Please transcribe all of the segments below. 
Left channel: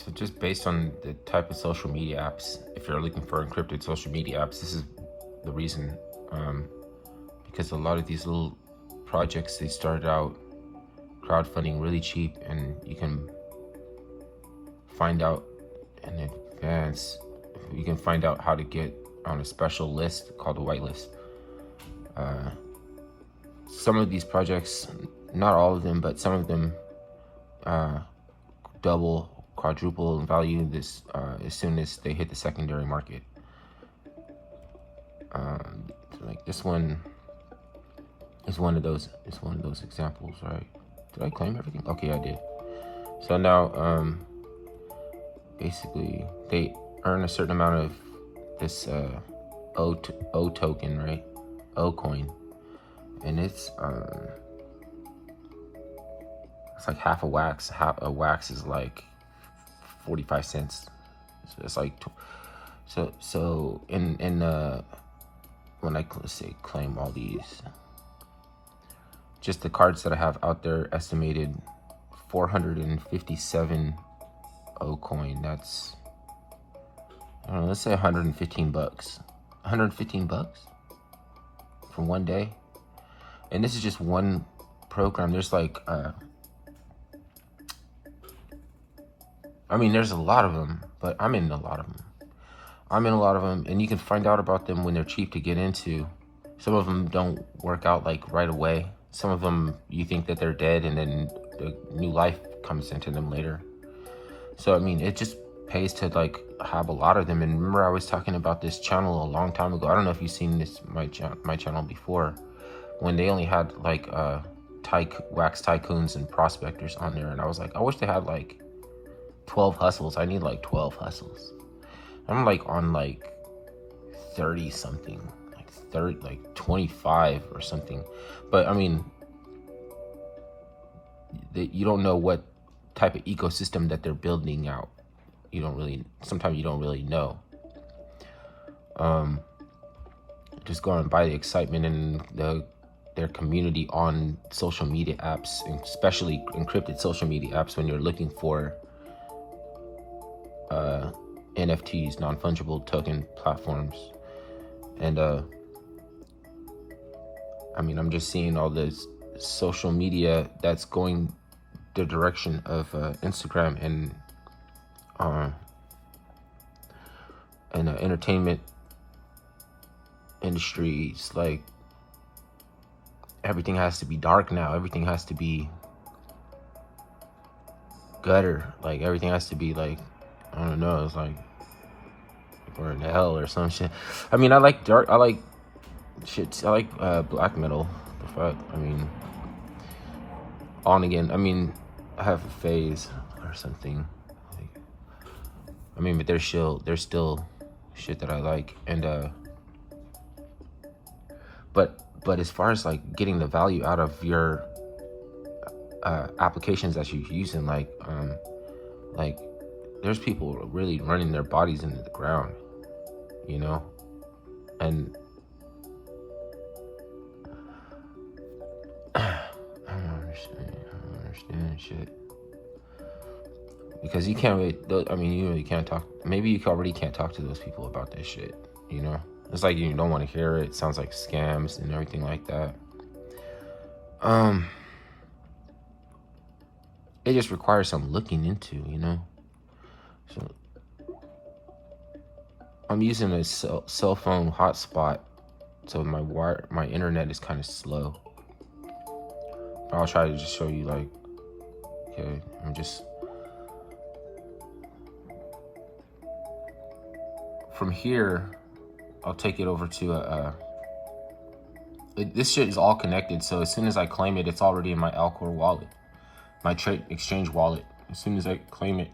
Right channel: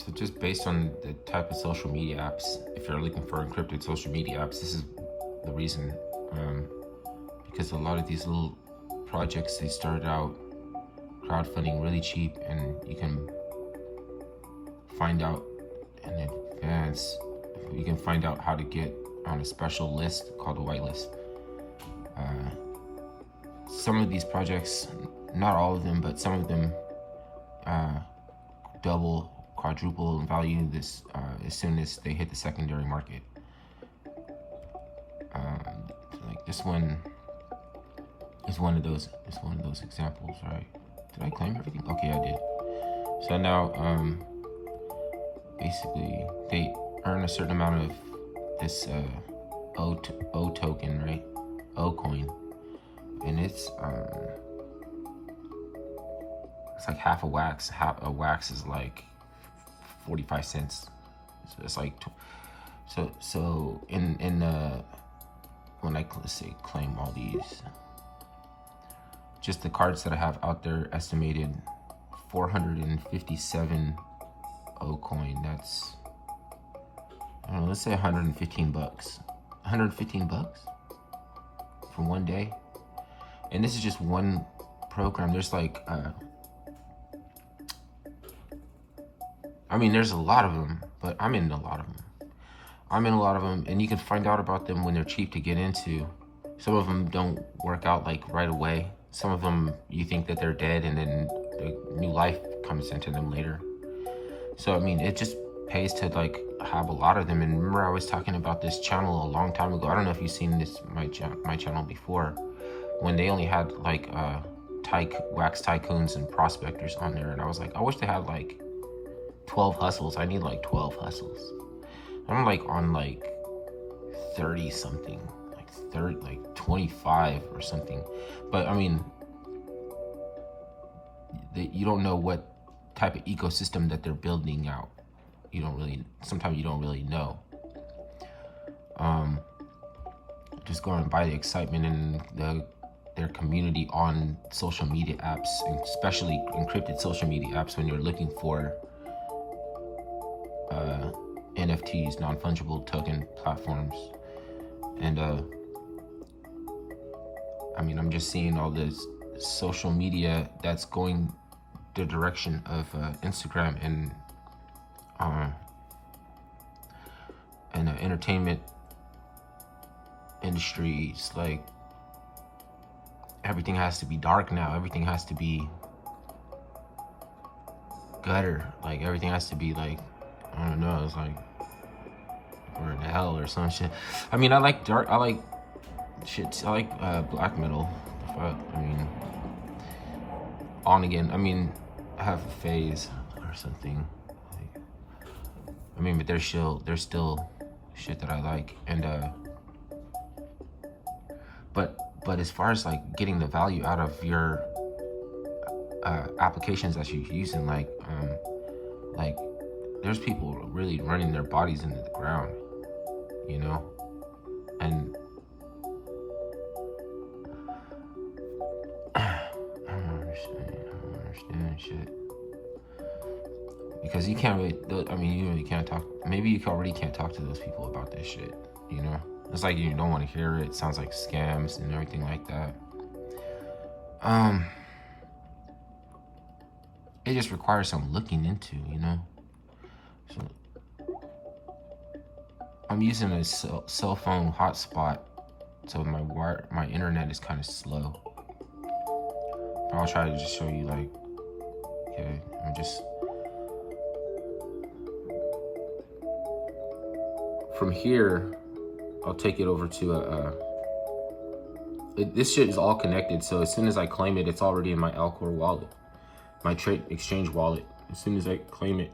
So just based on the type of social media apps, if you're looking for encrypted social media apps, this is the reason. Because a lot of these little projects, they started out crowdfunding really cheap, and you can find out in advance, you can find out how to get on a special list called a whitelist. Some of these projects, not all of them, but some of them double, quadruple in value this as soon as they hit the secondary market. So like this one is one of those. It's one of those examples, right? Did I claim everything? Okay, I did. So now, basically, they earn a certain amount of this O token, right? O coin, and it's like half a wax. Half a wax is like 45 cents. So it's like so in when I say claim all these, just the cards that I have out there, estimated 457 O coin. That's, I don't know, let's say 115 bucks. 115 bucks for one day. And this is just one program. There's like I mean, there's a lot of them, but I'm in a lot of them. And you can find out about them when they're cheap to get into. Some of them don't work out like right away. Some of them, you think that they're dead, and then the new life comes into them later. So, I mean, it just pays to like have a lot of them. And remember, I was talking about this channel a long time ago. I don't know if you've seen this, my channel before, when they only had like wax tycoons and prospectors on there. And I was like, I wish they had like 12 hustles. I need like 12 hustles. I'm like on like 30 something, like 25 or something. But I mean, you don't know what type of ecosystem that they're building out. Sometimes you don't really know. Just going by the excitement and their community on social media apps, and especially encrypted social media apps, when you're looking for NFTs, non-fungible token platforms. And I mean, I'm just seeing all this social media that's going the direction of Instagram and entertainment industries. Like, everything has to be dark now. Everything has to be gutter. Like, everything has to be like, I don't know, it's like, or in hell or some shit. I mean, I like dark, I like shit, I like black metal. The fuck, I mean, on again. I mean, I have a phase or something. I mean, but there's still shit that I like. And but as far as like getting the value out of your applications that you're using, like there's people really running their bodies into the ground, you know? And I don't understand shit. Because you can't really, I mean, you really can't talk, maybe you already can't talk to those people about this shit, you know? It's like you don't want to hear it. It sounds like scams and everything like that. It just requires some looking into, you know? So I'm using a cell phone hotspot, so my internet is kind of slow. But I'll try to just show you, like, okay, I'm just, from here, I'll take it over to this shit is all connected. So as soon as I claim it, it's already in my Alcor wallet, my trade exchange wallet. As soon as I claim it,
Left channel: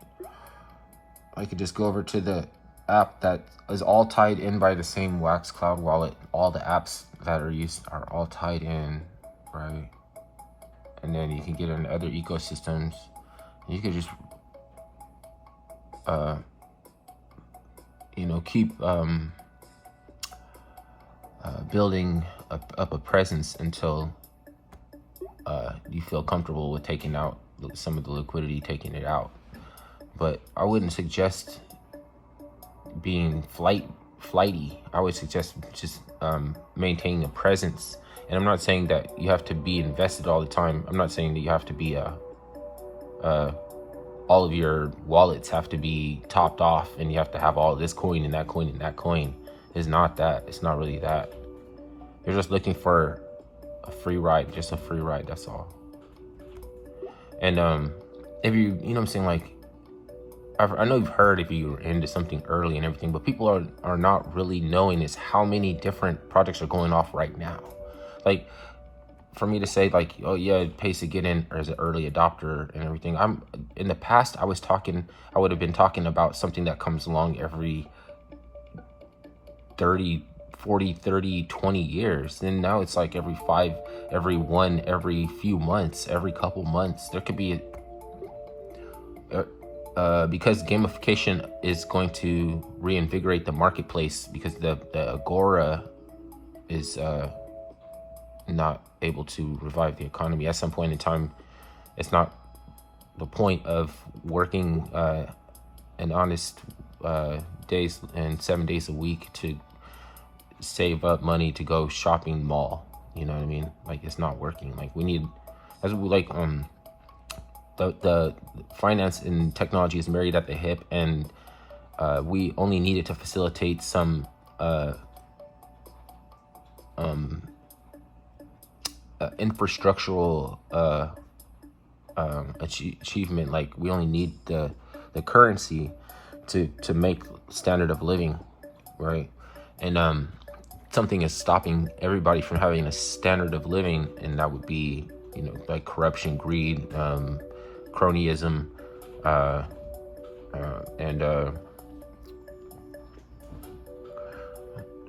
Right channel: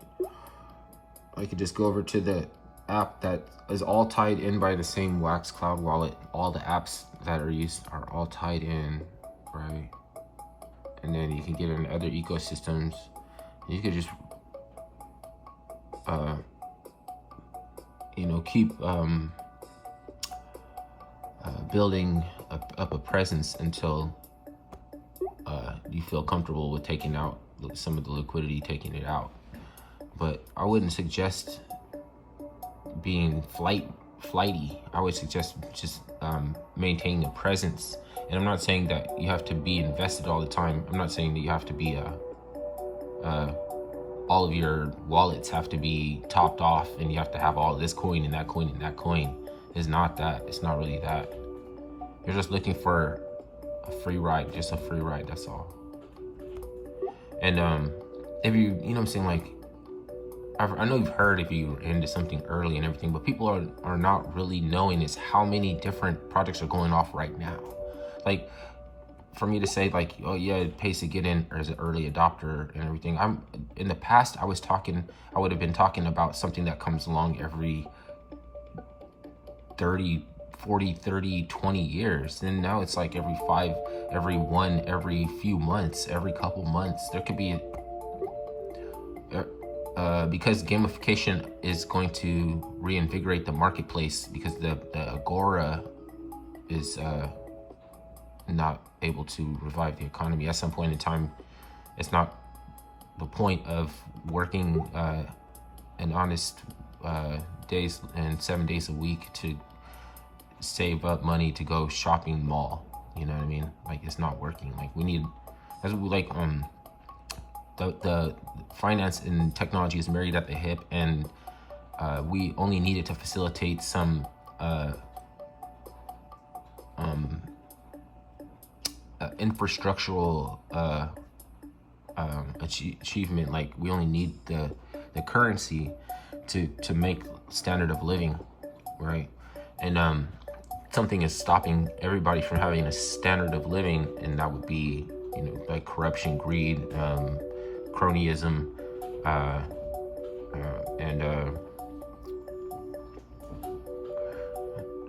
I could just go over to the app that is all tied in by the same Wax Cloud wallet. All the apps that are used are all tied in, right? And then you can get in other ecosystems. You could just, you know, keep building up a presence until you feel comfortable with taking out some of the liquidity, taking it out. but I wouldn't suggest being flighty. I would suggest just maintaining a presence. And I'm not saying that you have to be invested all the time. I'm not saying that you have to be all of your wallets have to be topped off and you have to have all this coin and that coin and that coin. It's not that. It's not really that. You're just looking for a free ride, just a free ride, that's all. And if you know what I'm saying, like, I know you've heard if you're into something early and everything, but people are not really knowing is how many different projects are going off right now. Like, for me to say like, oh yeah, it pays to get in as an early adopter and everything. In the past, I would have been talking about something that comes along every 30, 40, 30, 20 years. And now it's like every few months, every couple months. There could be because gamification is going to reinvigorate the marketplace, because the Agora is not able to revive the economy. At some point in time, it's not the point of working an honest days and 7 days a week to save up money to go shopping mall. You know what I mean? Like, it's not working. Like, we need, as we like the finance and technology is married at the hip, and we only needed to facilitate some infrastructural achievement. Like, we only need the currency to make standard of living, right? And something is stopping everybody from having a standard of living, and that would be, you know, like corruption, greed, cronyism, and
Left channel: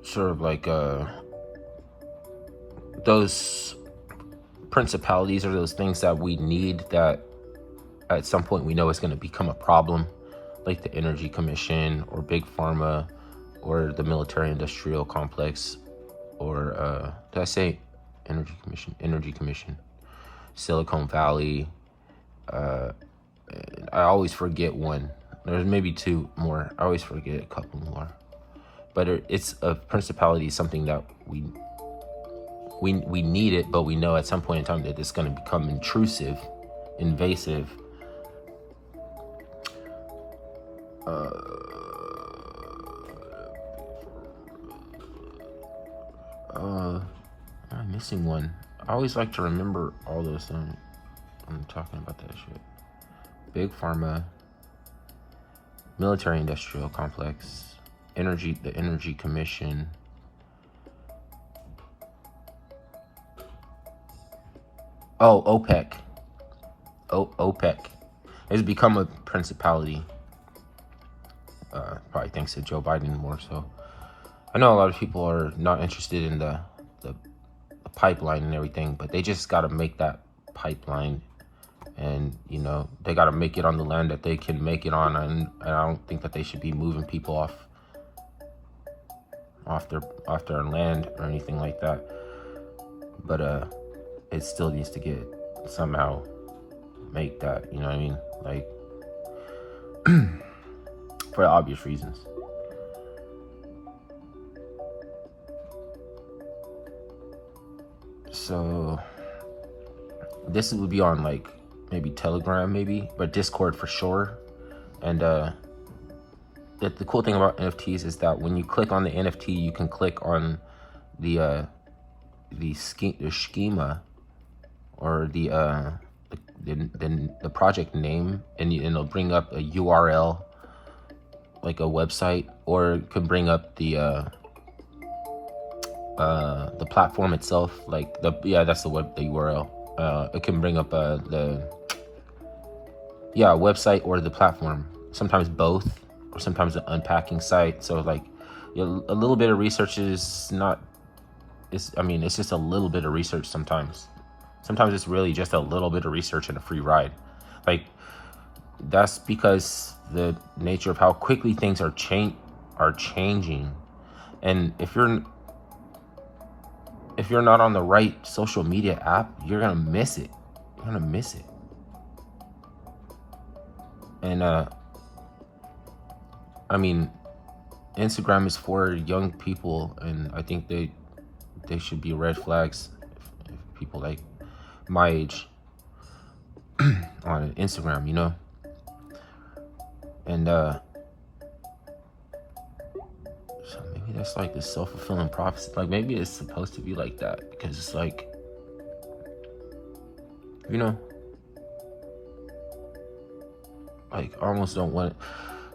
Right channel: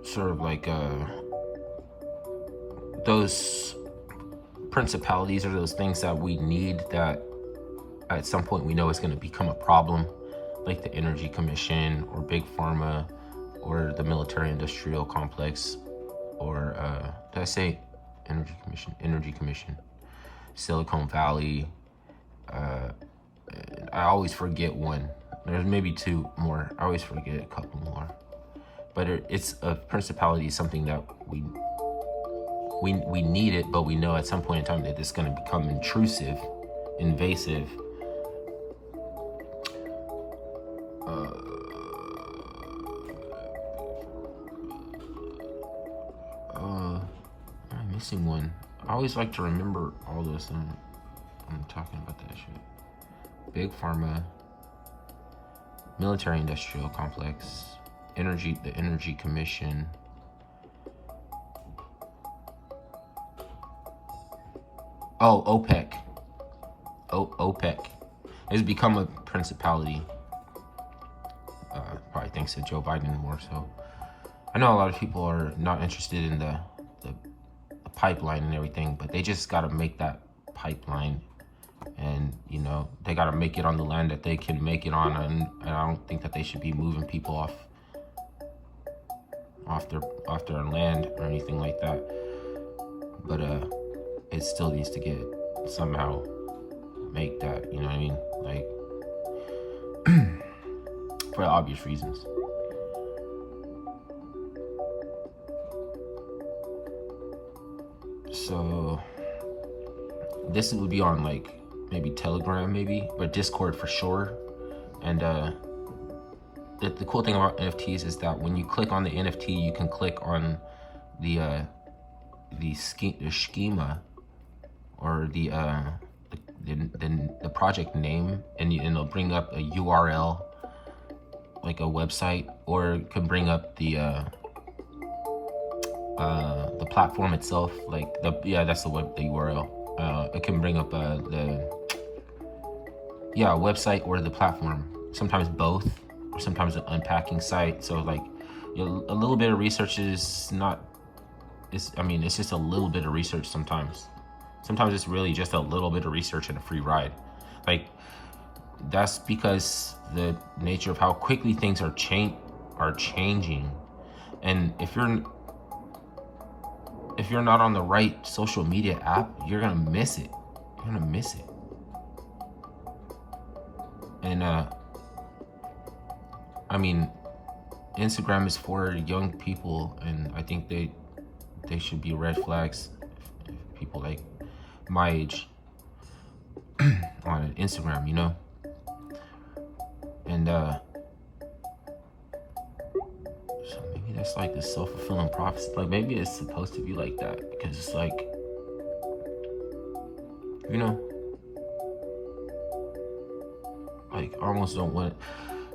sort of like those principalities or those things that we need, that at some point we know is going to become a problem, like the Energy Commission or Big Pharma or the military industrial complex, or did I say Energy Commission? Energy Commission, Silicon Valley. And I always forget one. There's maybe two more. I always forget a couple more. But it's a principality, something that we need it, but we know at some point in time that it's going to become intrusive, invasive. I'm missing one. I always like to remember all those things. I'm talking about that shit. Big Pharma, military industrial complex, the Energy Commission. Oh, OPEC. OPEC. It's become a principality. Probably thanks to Joe Biden more so. I know a lot of people are not interested in the pipeline and everything, but they just got to make that pipeline, and you know, they got to make it on the land that they can make it on, and I don't think that they should be moving people off their land or anything like that. But it still needs to get somehow make that, you know what I mean? Like, for obvious reasons. So this would be on like maybe Telegram, maybe, but Discord for sure. And the cool thing about NFTs is that when you click on the NFT, you can click on the schema or the project name, and it'll bring up a URL, like a website, or it can bring up the platform itself, like that's the URL. It can bring up the website or the platform. Sometimes both, or sometimes an unpacking site. So like, a little bit of research is not. It's just a little bit of research sometimes. Sometimes it's really just a little bit of research and a free ride. Like, that's because the nature of how quickly things are changing. And if you're not on the right social media app, you're gonna miss it. And I mean, Instagram is for young people, and I think they should be red flags if people like my age on Instagram, you know? And so maybe that's like the self-fulfilling prophecy. Like maybe it's supposed to be like that because it's like, you know, like I almost don't want,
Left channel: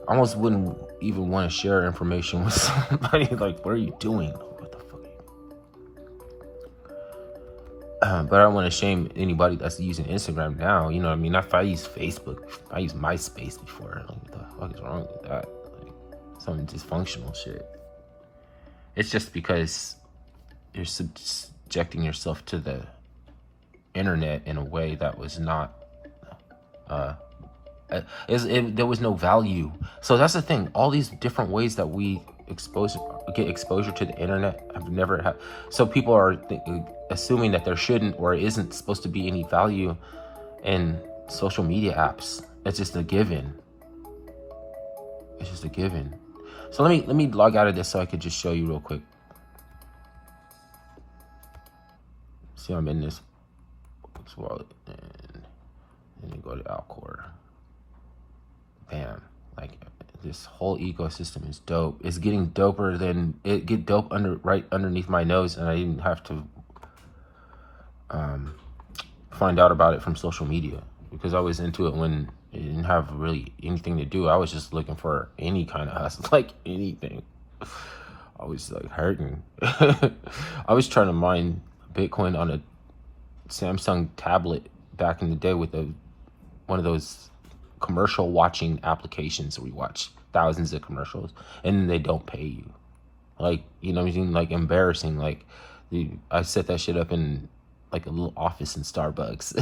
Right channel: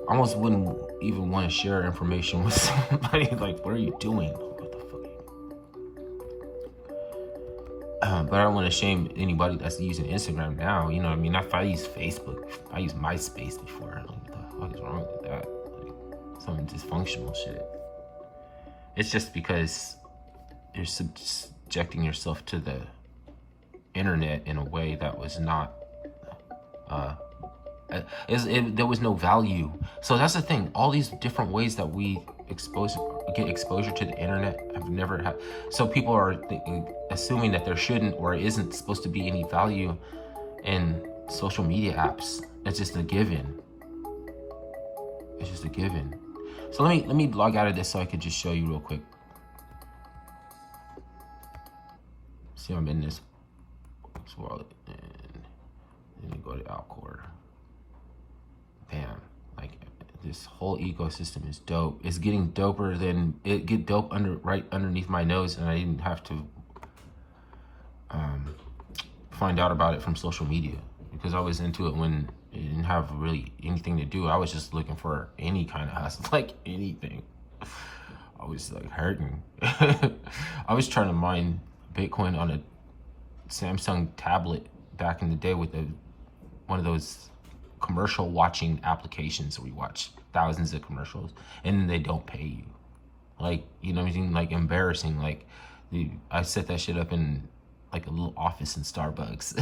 I almost wouldn't even want to share information with somebody. Like, what are you doing? What the fuck? But I don't want to shame anybody that's using Instagram now. You know what I mean? If I use Facebook, I used MySpace before. Like, what the fuck is wrong with that? Like, some dysfunctional shit. It's just because you're subjecting yourself to the internet in a way that was not there was no value. So that's the thing. All these different ways that we get exposure to the internet have never had. So people are assuming that there shouldn't or isn't supposed to be any value in social media apps. It's just a given. It's just a given. So let me log out of this so I could just show you real quick. See, I'm in this wallet, and then go to Alcor. Damn, like this whole ecosystem is dope. It's getting doper than it get dope right underneath my nose, and I didn't have to find out about it from social media because I was into it when it didn't have really anything to do. I was just looking for any kind of hustle, like anything. I was like hurting. I was trying to mine Bitcoin on a Samsung tablet back in the day with one of those commercial watching applications. We watch thousands of commercials and then they don't pay you. Like, you know what I mean? Like embarrassing. Like I set that shit up in like a little office in Starbucks.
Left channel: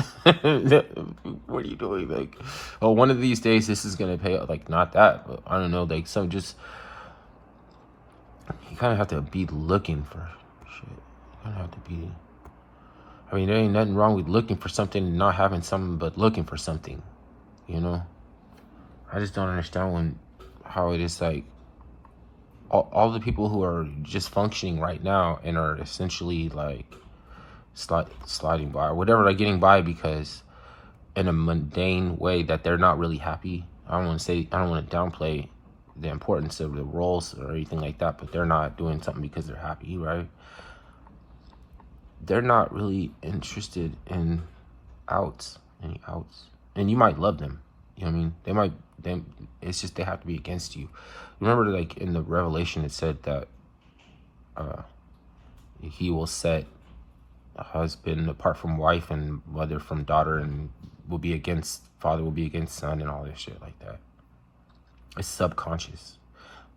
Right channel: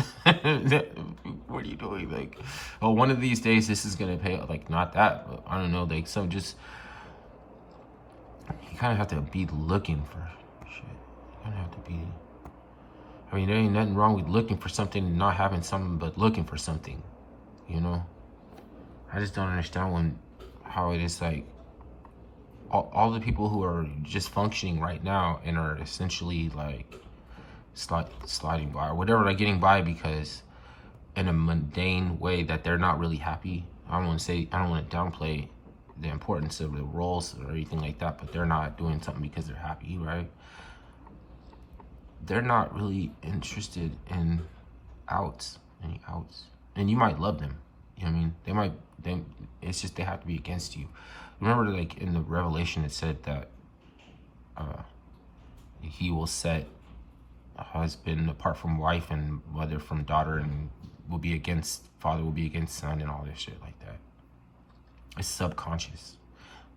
What are you doing? Like, well, one of these days this is gonna pay out. Like, not that, but I don't know, like some just, you kind of have to be looking for shit. You kind of have to be, I mean, there ain't nothing wrong with looking for something and not having something, but looking for something, you know? I just don't understand how it is like all the people who are just functioning right now and are essentially like sliding by, whatever, like getting by because in a mundane way that they're not really happy. I don't want to downplay the importance of the roles or anything like that, but they're not doing something because they're happy, right? They're not really interested in any outs. And you might love them. You know what I mean? They might, then it's just they have to be against you. Remember, like in the Revelation, it said that he will set a husband apart from wife and mother from daughter, and will be against father, will be against son, and all this shit like that. It's subconscious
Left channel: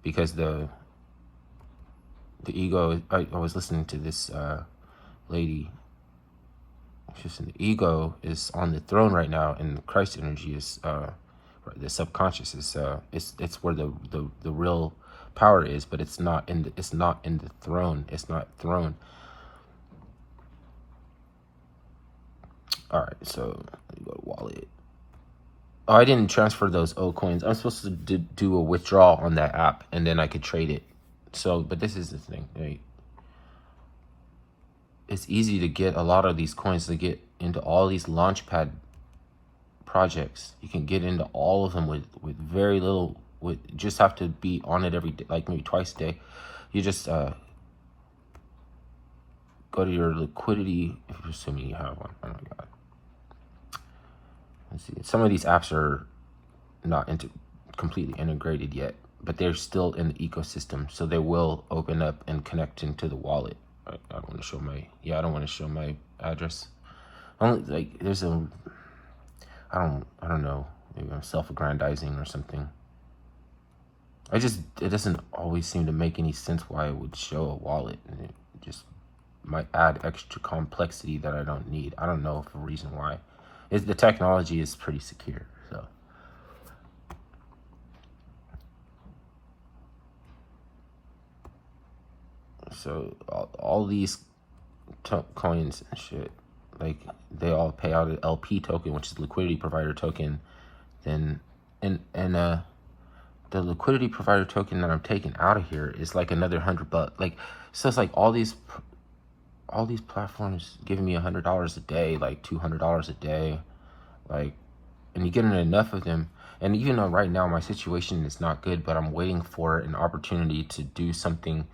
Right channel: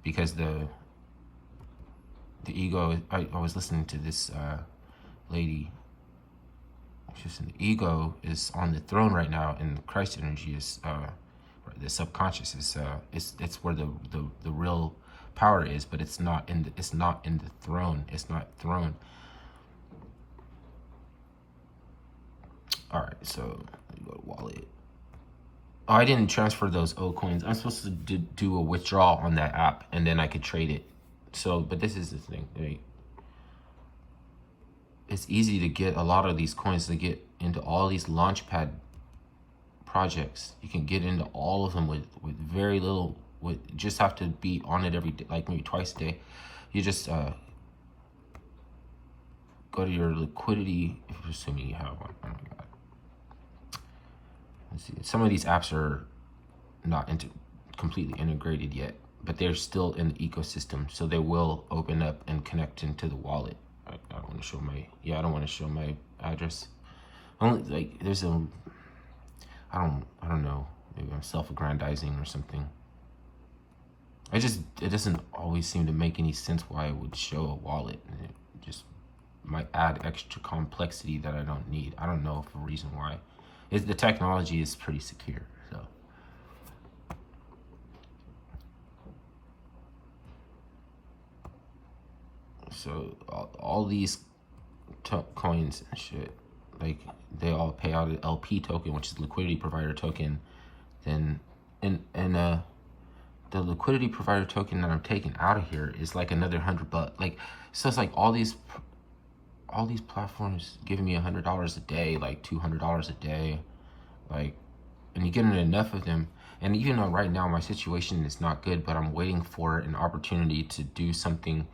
because the ego. I was listening to this lady. The ego is on the throne right now, and the Christ energy is the subconscious is it's where the real power is, but it's not in the throne. It's not throne. All right, so go to wallet. Oh, I didn't transfer those old coins. I'm supposed to do a withdrawal on that app, and then I could trade it. So, but this is the thing, right? It's easy to get a lot of these coins to get into all these launchpad projects. You can get into all of them with very little. With just have to be on it every day, like maybe twice a day. You just go to your liquidity, assuming you have one. Oh my god. Let's see. Some of these apps are not completely integrated yet, but they're still in the ecosystem, so they will open up and connect into the wallet. I don't want to show my, I don't want to show my address. Only like there's I don't know, maybe I'm self-aggrandizing or something. It doesn't always seem to make any sense why it would show a wallet, and it just might add extra complexity that I don't need. I don't know for a reason why. The technology is pretty secure, so. So all these coins and shit, like they all pay out an LP token, which is liquidity provider token. Then and the liquidity provider token that I'm taking out of here is like another $100. Like, so it's like all these platforms giving me $100 a day, like $200 a day, like, and you're getting enough of them. And even though right now my situation is not good, but I'm waiting for an opportunity to do something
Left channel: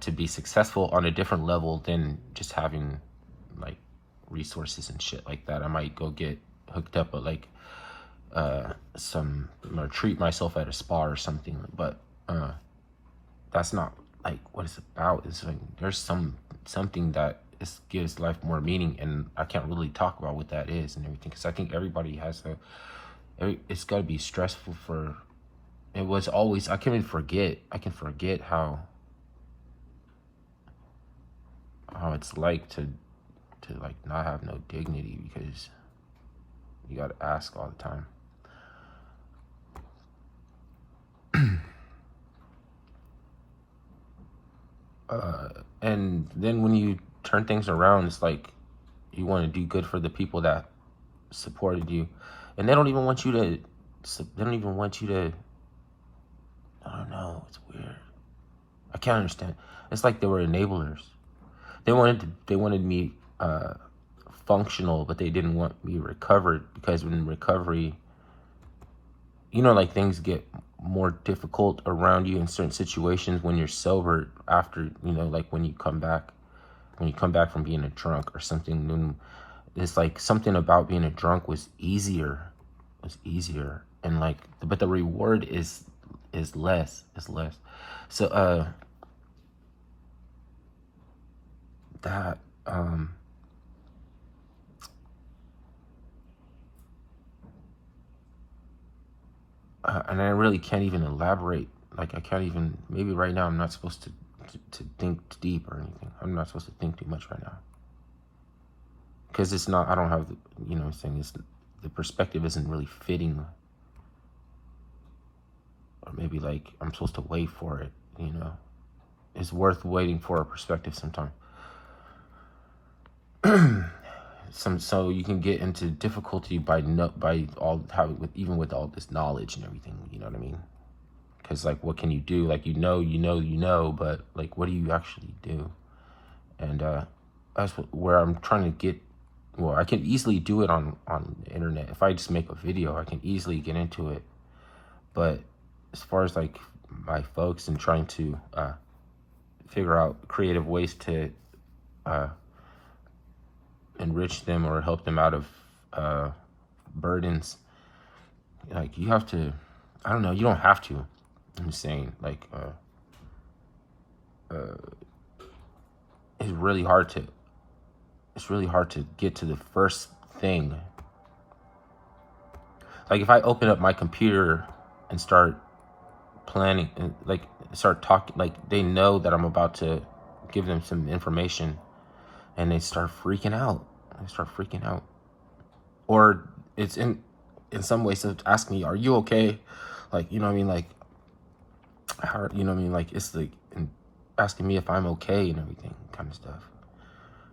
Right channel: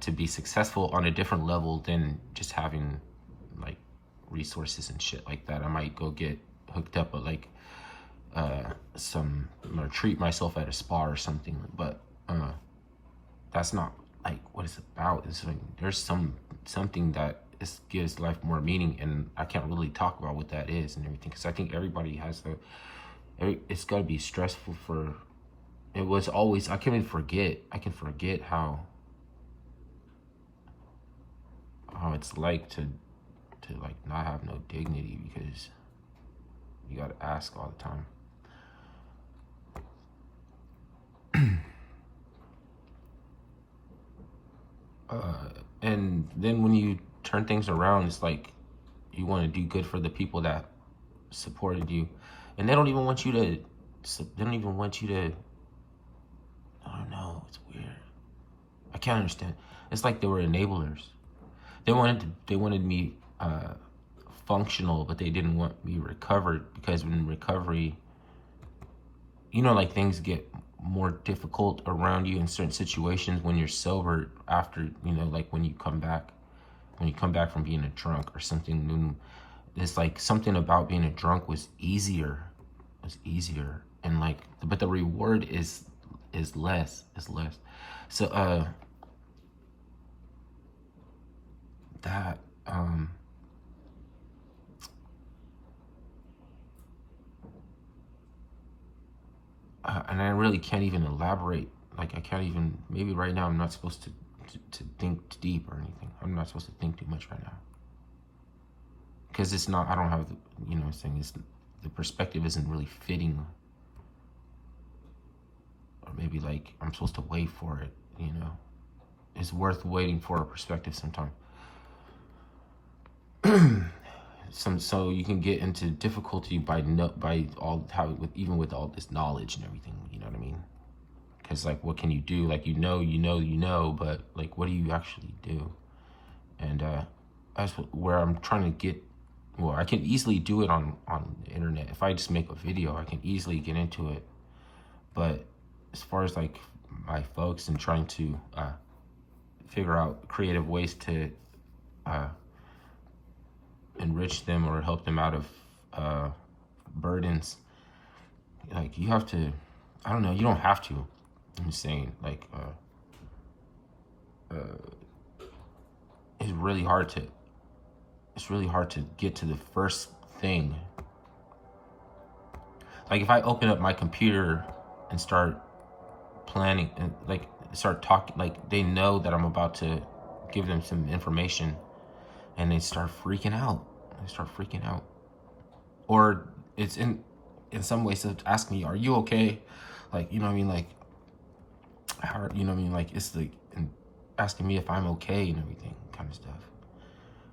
to be successful on a different level than just having like resources and shit like that. I might go get hooked up with like treat myself at a spa or something, but that's not like what it's about. It's like there's something that gives life more meaning, and I can't really talk about what that is and everything, because I think everybody has it's got to be stressful for, it was always, I can forget how it's like to like not have no dignity, because you got to ask all the time. And then when you turn things around, it's like you want to do good for the people that supported you, and they don't even want you to. I don't know. It's weird. I can't understand. It's like they were enablers. They wanted me functional, but they didn't want me recovered, because in recovery, you know, like things get more difficult around you in certain situations when you're sober after, you know, like when you come back from being a drunk or something. It's like something about being a drunk was easier, and like, but the reward is less. So that and I really can't even elaborate. Like, I can't even, maybe right now I'm not supposed to think deep or anything. I'm not supposed to think too much right now, because it's not, I don't have, you know what I'm saying, it's, the perspective isn't really fitting, or maybe like I'm supposed to wait for it, you know. It's worth waiting for a perspective sometime. So you can get into difficulty by all having, even with all this knowledge and everything, you know what I mean? Because like, what can you do? Like, you know, but like, what do you actually do? And that's where I'm trying to get. Well, I can easily do it on the internet. If I just make a video, I can easily get into it. But as far as like my folks and trying to figure out creative ways to enrich them or help them out of burdens, like, you have to, I don't know, you don't have to, I'm saying, like, it's really hard to get to the first thing. Like, if I open up my computer and start planning and like start talking, like, they know that I'm about to give them some information, and they start freaking out. Or it's in some ways to ask me, are you okay? Like, you know what I mean? Like, how, you know what I mean? Like, it's like asking me if I'm okay and everything kind of stuff.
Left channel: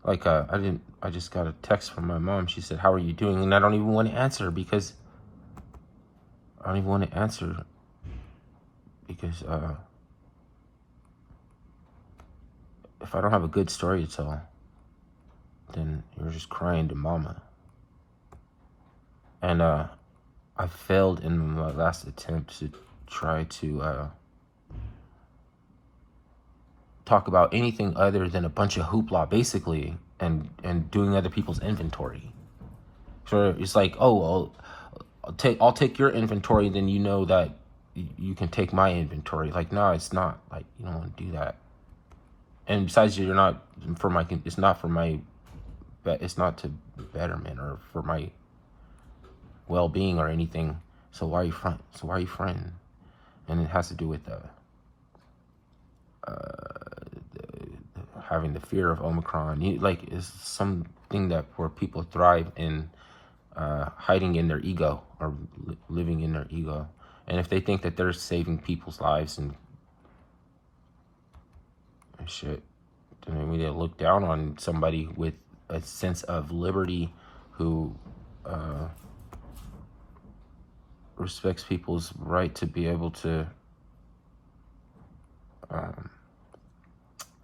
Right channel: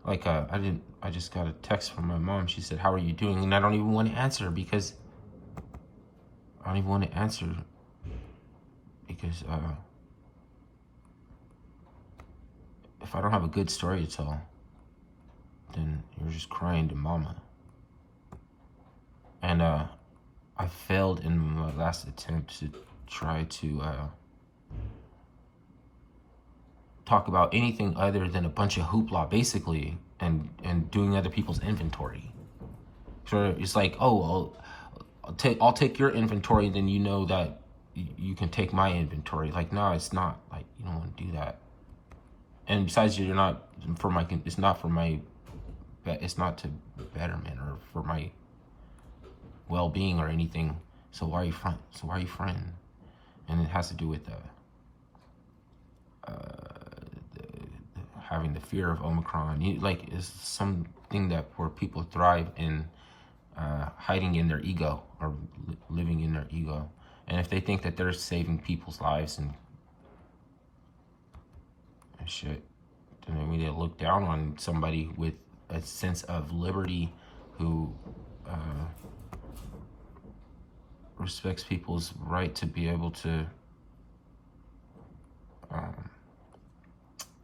Like, I just got a text from my mom. She said, how are you doing? And I don't even want to answer, because if I don't have a good story to tell, then you're just crying to mama. And I failed in my last attempt to try to talk about anything other than a bunch of hoopla, basically, and doing other people's inventory. So it's like, oh, well, I'll take your inventory, then you know that you can take my inventory. Like, no, it's not. Like, you don't want to do that. And besides, you're not for my. It's not for my. It's not to betterment or for my well-being or anything. So why are you frightened? And it has to do with having the fear of Omicron. Like, it's something that where people thrive in hiding in their ego or living in their ego. And if they think that they're saving people's lives and shit, then we need to look down on somebody with a sense of liberty who respects people's right to be able to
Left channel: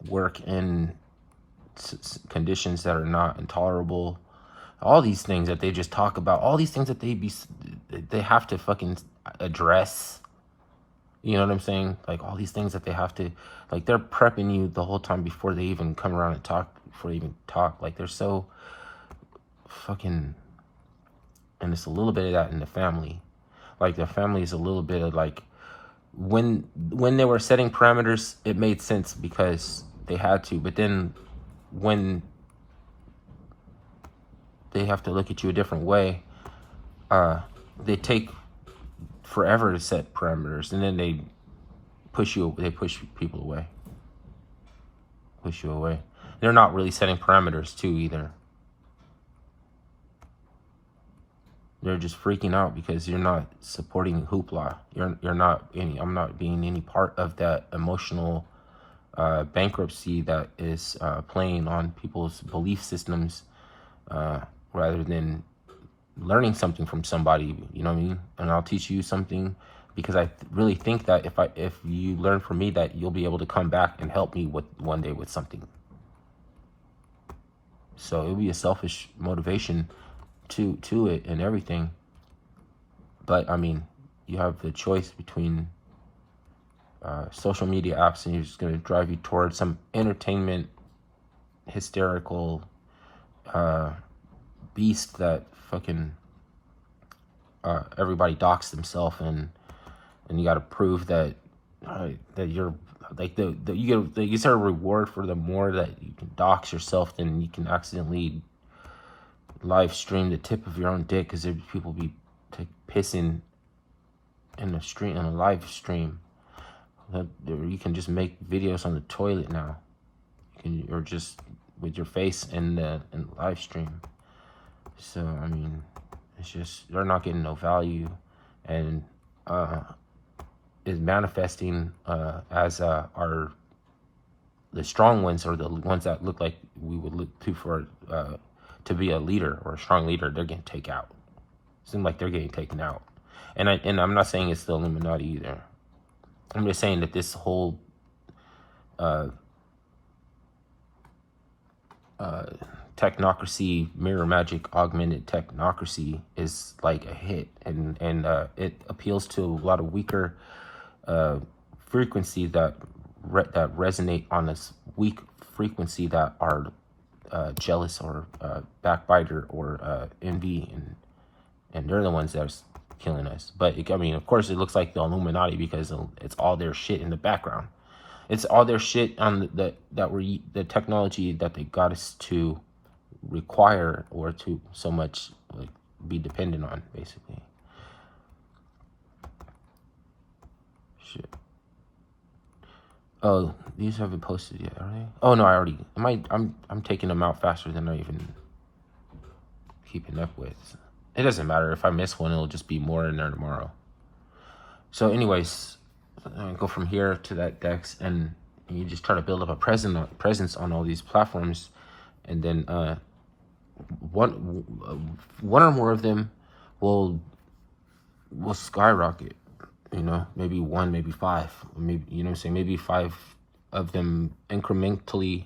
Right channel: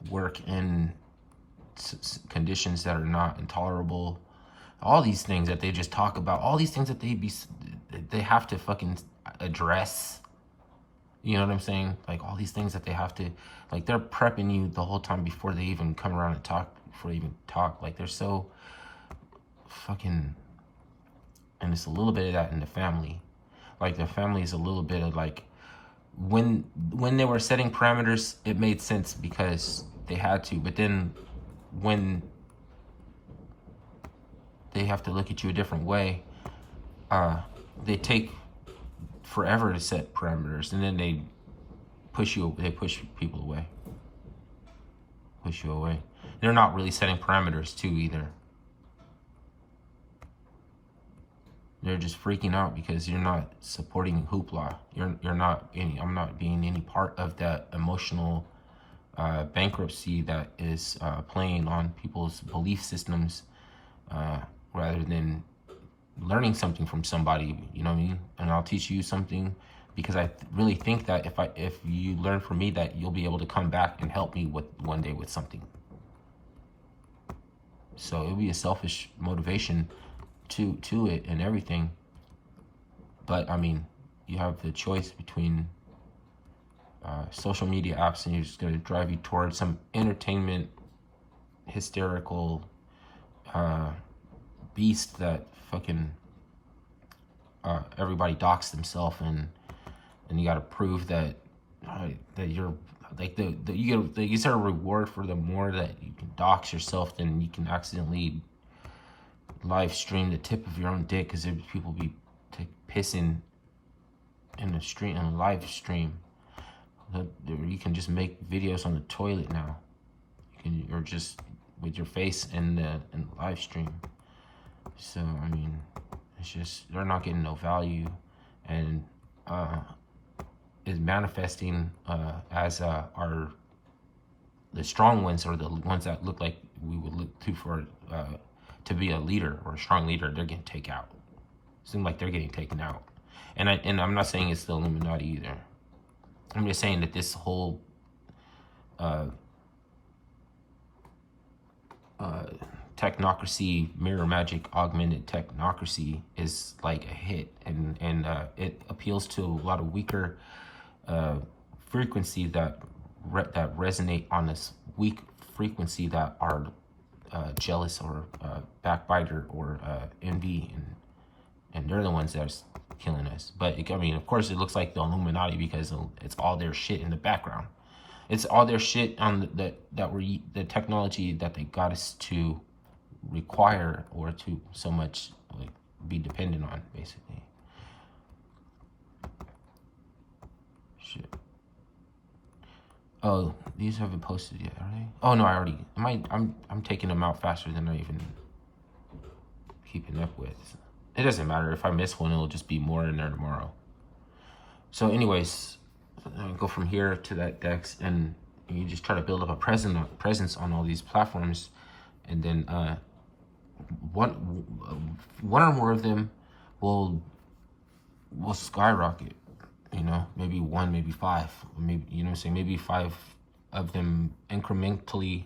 work in conditions that are not intolerable. All these things that they just talk about, all these things that they have to fucking address. You know what I'm saying? Like all these things that they have to, like they're prepping you the whole time before they even come around and talk, before they even talk. Like they're so fucking, and it's a little bit of that in the family. Like the family is a little bit of like, when they were setting parameters, it made sense because they had to. But then when they have to look at you a different way, they take forever to set parameters, and then they push people away. Push you away. They're not really setting parameters too either. They're just freaking out because you're not supporting hoopla. You're not any. I'm not being any part of that emotional bankruptcy that is playing on people's belief systems, rather than learning something from somebody. You know what I mean? And I'll teach you something, because I really think that if you learn from me, that you'll be able to come back and help me with one day with something. So it'll be a selfish motivation to it and everything. But I mean, you have the choice between social media apps, and it's going to drive you towards some entertainment, hysterical beast that fucking everybody docks themselves, and you got to prove that that you're like you get a reward for the more that you can dox yourself, than you can accidentally live stream the tip of your own dick, because there'd people be pissing in the stream, in a live stream. You can just make videos on the toilet now, or just with your face in the live stream. So I mean, it's just they're not getting no value, and is manifesting as the strong ones, or the ones that look like we would look to for to be a leader or a strong leader. They're getting taken out. Seems like they're getting taken out, and I'm not saying it's the Illuminati either. I'm just saying that this whole technocracy, mirror magic, augmented technocracy is like a hit, and it appeals to a lot of weaker frequency that resonate on this weak frequency, that are jealous, or backbiter, or envy, and they're the ones that's killing us. But I mean, of course, it looks like the Illuminati because it's all their shit in the background. It's all their shit on the technology that they got us to require, or to so much like be dependent on, basically. Shit. Oh, these haven't posted yet, are they? Oh no, I already. I'm taking them out faster than I even keeping up with. It doesn't matter if I miss one; it'll just be more in there tomorrow. So, anyways, I go from here to that Dex, and you just try to build up a presence on all these platforms, and then one or more of them will skyrocket. You know, maybe one, maybe five, maybe, you know what I'm saying, maybe five of them incrementally,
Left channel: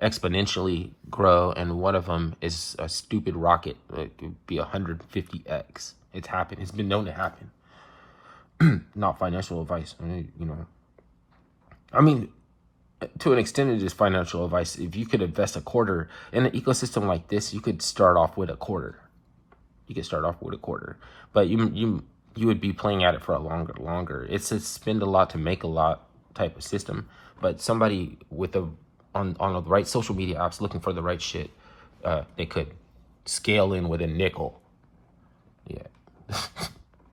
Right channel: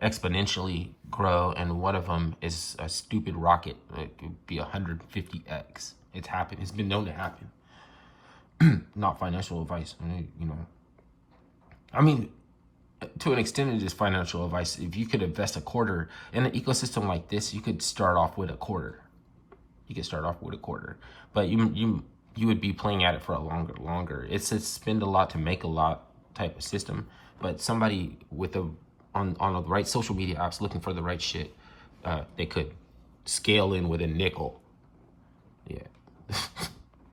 exponentially grow, and one of them is a stupid rocket. Like it'd be 150x. It's happened. It's been known to happen. Not financial advice, right? You know. I mean, to an extent, it is financial advice. If you could invest a quarter in an ecosystem like this, you could start off with a quarter. But you would be playing at it for a longer. It's a spend a lot to make a lot type of system. But somebody with on the right social media apps looking for the right shit, they could scale in with a nickel. Yeah.